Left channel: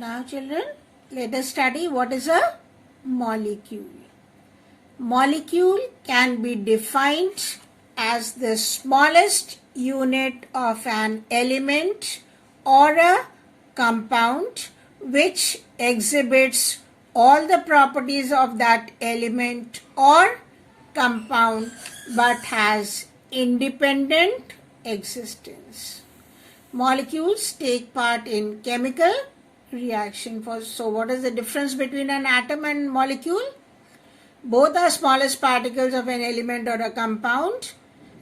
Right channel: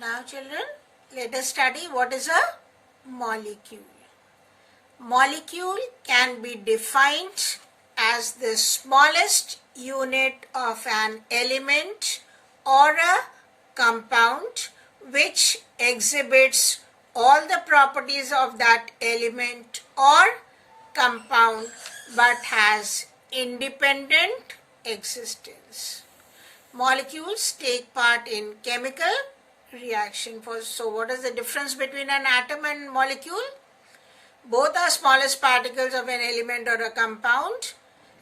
Now children, let us study what is a molecule. Molecule can be defined as the smallest unit of an element or a compound which exhibits all the properties of that element or compound but has independent existence. Molecules take part in chemical reaction. So what is the difference between an atom and molecule? Both are smallest particles of an element or a compound,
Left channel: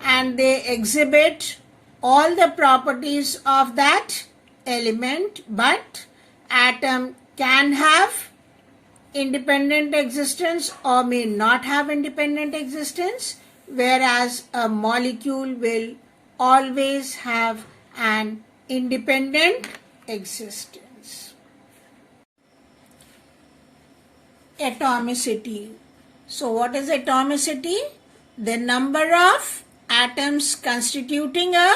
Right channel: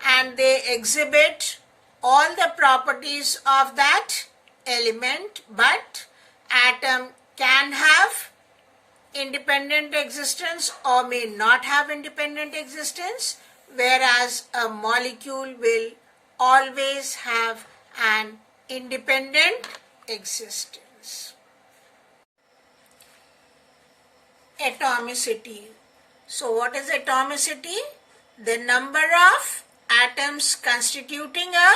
and they exhibit all the properties of that element, but atom can have independent existence or may not have independent existence, whereas a molecule will always have an independent existence. Atomicity. So what is atomicity? The number of atoms constituting a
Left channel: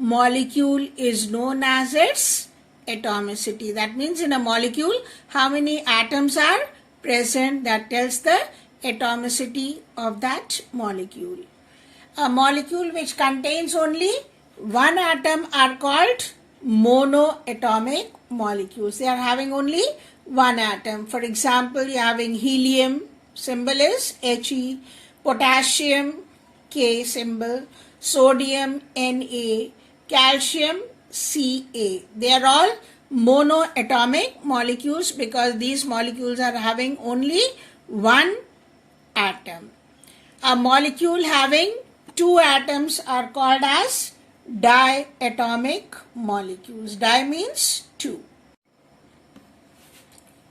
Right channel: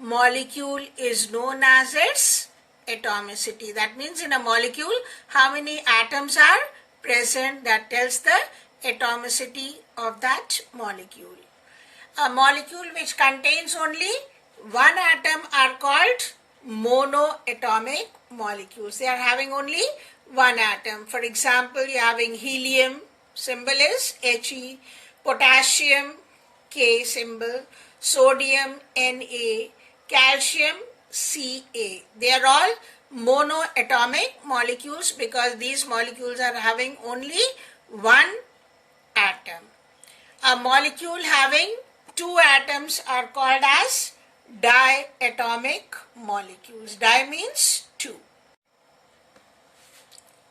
molecule is known as its atomicity. That means in a molecule, how many atoms are present, that tells the atomicity of that molecule. A molecule which contains only one atom are called monoatomic molecules. They are having only one atom. For example, you are having helium, symbol is He, potassium, K symbol, sodium, Na, calcium, Ca. They are all monoatomic molecules because these molecules are having only one atom. A molecule having two atoms are called as diatomic molecules. Di means two.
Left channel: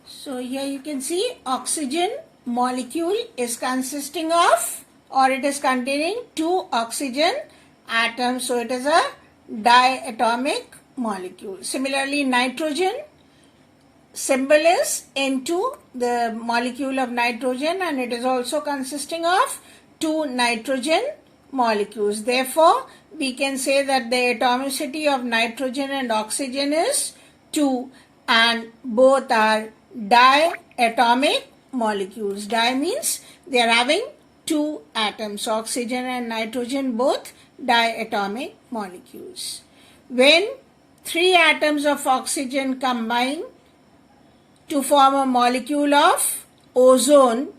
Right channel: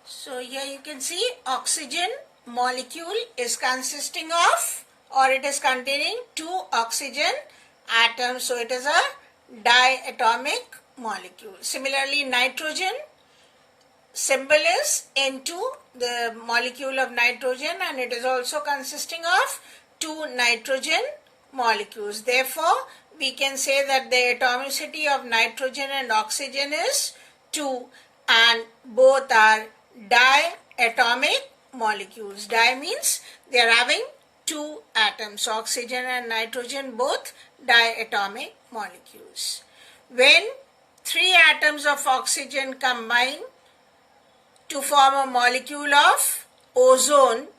So here you can see oxygen molecule is consisting of, or it is containing two oxygen atoms. So it is a diatomic molecule. Similarly, nitrogen, symbol is N2, the molecule of nitrogen, and it is also consisting of two nitrogen molecules. Therefore, we can say that the atomicity of nitrogen and oxygen is 2, and both are diatomic molecules. Di means they are having two atoms. Oxygen and nitrogen both diatomic molecules. When three atoms of oxygen combine to form a molecule of ozone,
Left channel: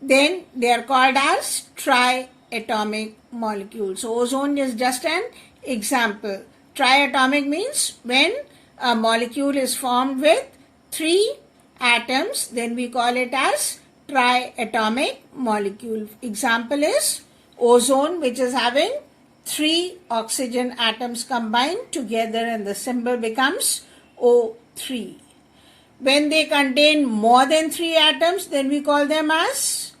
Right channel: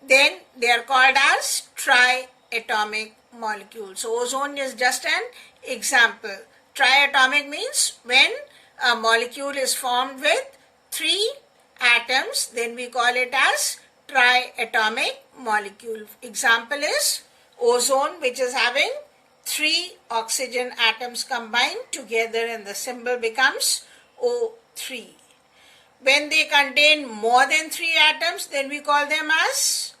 then they are called as triatomic molecules. So ozone is just an example. Triatomic means when a molecule is formed with three atoms, then we call it as triatomic molecule. Example is ozone, which is having three oxygen atoms combined together, and the symbol becomes O3. When they contain more than three atoms, then we call them as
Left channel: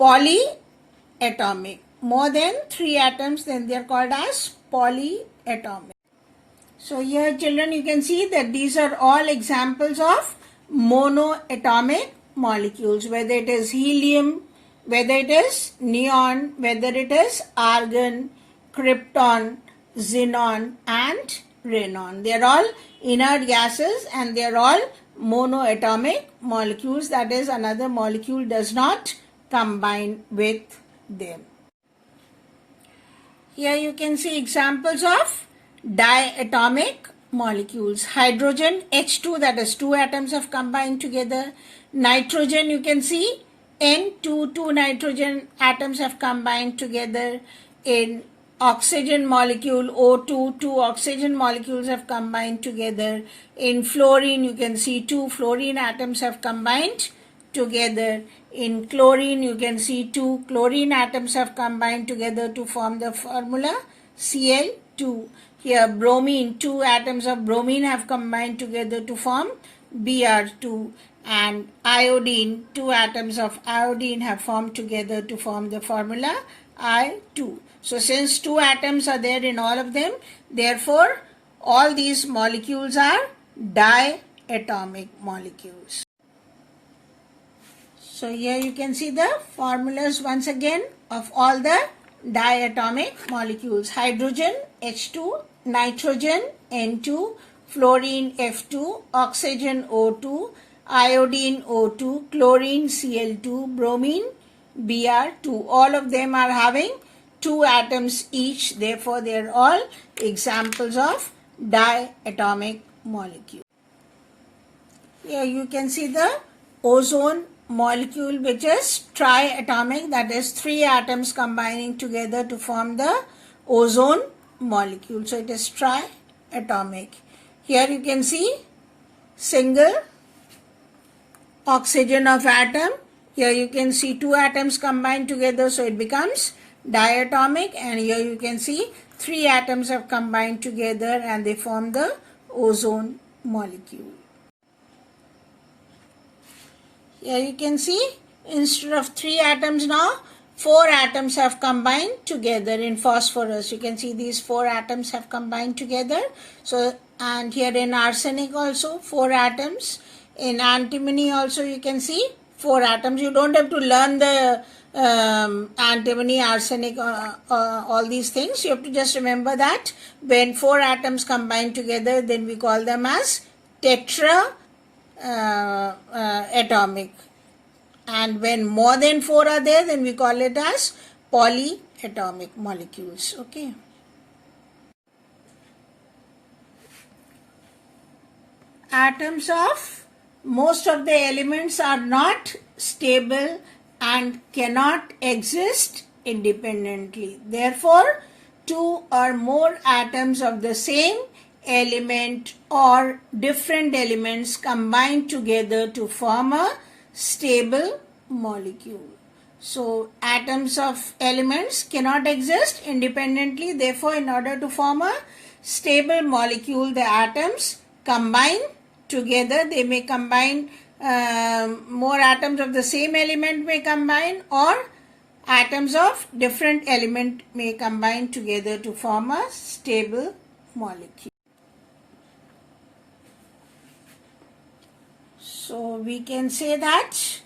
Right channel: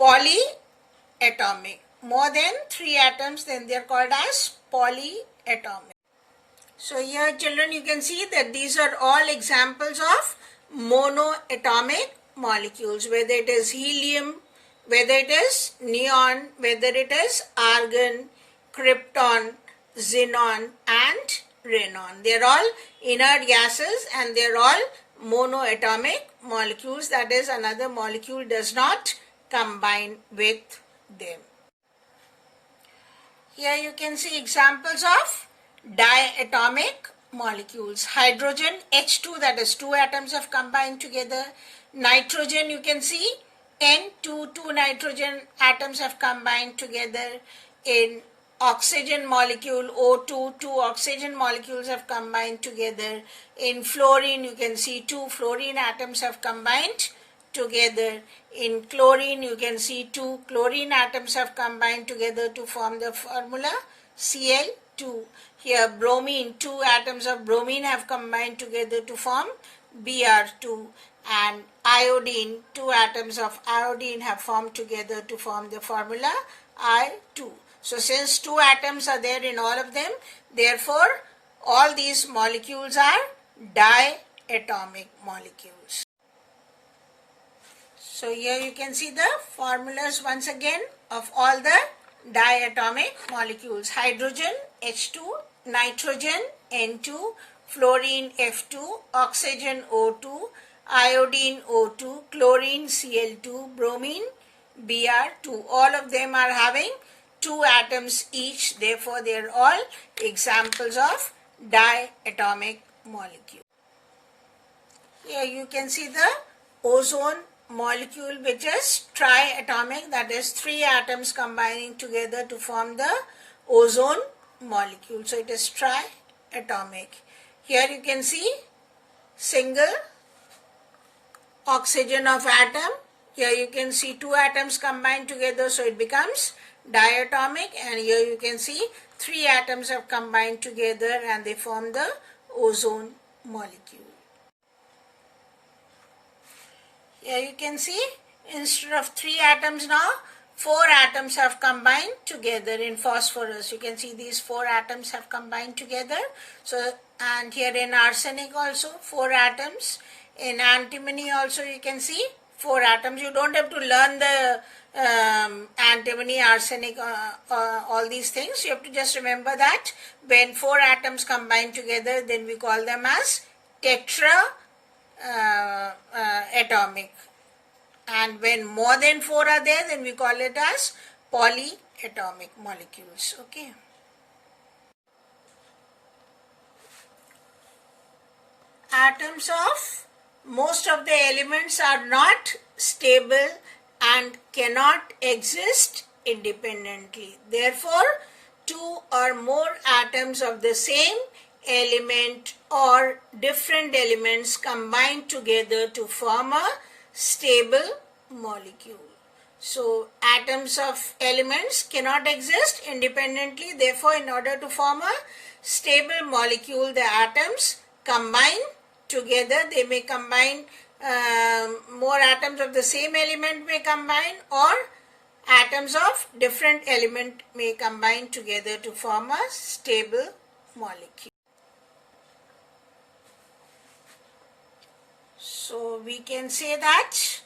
polyatomic. More than three atoms, then they are called as polyatomic. So here children, you can see that these are all examples of monoatomic molecules, whether it is helium, whether it is neon, whether it is argon, krypton, xenon and radon. They are all inert gases and they are all monoatomic molecules. That is, another molecule does not combine with them. Here you can see examples of diatomic molecules. Hydrogen, H2, that is two atoms have combined together. Nitrogen, you can see N2, two nitrogen atoms have combined together. In oxygen molecule O2, two oxygen molecules have combined together. In fluorine, you can see two fluorine atoms have combined together. In chlorine, you can see two chlorine atoms have combined together to form the formula Cl2. Here bromine, two atoms of bromine have combined together to form Br2, and iodine, two atoms of iodine have formed together to form the formula I2. So since two atoms are there in all of them, therefore all these molecules are diatomic molecules. So here you can see the formulas once again of all the diatomic molecules. Hydrogen, H2, nitrogen, N2, fluorine F2, oxygen O2, iodine O2, chlorine Cl2, bromine Br2. All of them are having 2 atoms each. Therefore, they are all examples of diatomic molecule. Here you can see the ozone molecule, which is triatomic, that is 3 atoms combining together to form the ozone molecule. So it is triatomic. Here you can see single oxygen of atom. Here you can see 2 atoms combined together, so it becomes diatomic, and here you can see 3 atoms have combined together and they form the ozone molecule. Here you can see instead of 3 atoms now, 4 atoms have combined together in phosphorus. You can see these 4 atoms have combined together. So, and here in arsenic also 4 atoms. In antimony also you can see 4 atoms. You don't have to learn the antimony, arsenic, all these things. You have to just remember that when 4 atoms combine together, then we call them as atomic. And when more than 4 are there, then we call it as polyatomic molecules. Okay. Atoms of most of the elements are not stable and cannot exist independently. Therefore, 2 or more atoms of the same element or different elements combine together to form a stable molecule. So, atoms of elements cannot exist independently. Therefore, in order to form a stable molecule, the atoms combine together. They may combine, more atoms of the same element may combine, or atoms of different element may combine together to form a stable molecule. So we can say that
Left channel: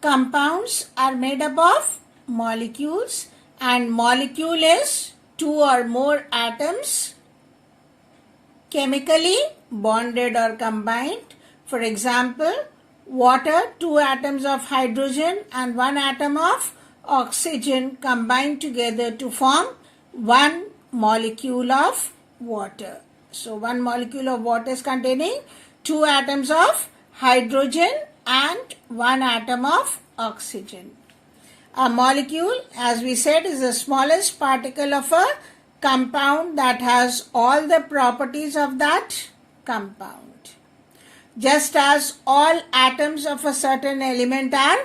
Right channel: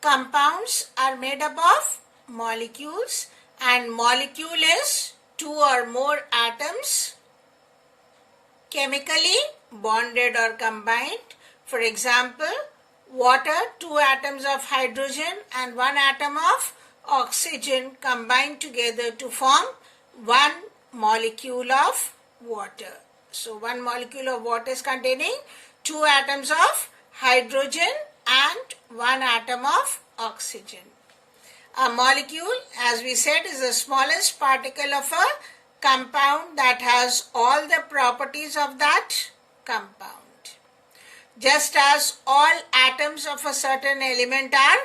compounds are made up of molecules, and molecule is 2 or more atoms chemically bonded or combined. For example, water, 2 atoms of hydrogen and 1 atom of oxygen combine together to form 1 molecule of water. So 1 molecule of water is containing 2 atoms of hydrogen and 1 atom of oxygen. A molecule, as we said, is the smallest particle of a compound that has all the properties of that compound. Just as all atoms of a certain element are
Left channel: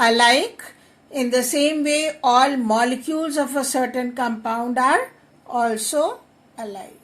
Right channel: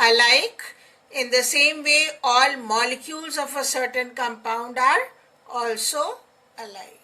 alike, in the same way all molecules of a certain compound are also alike.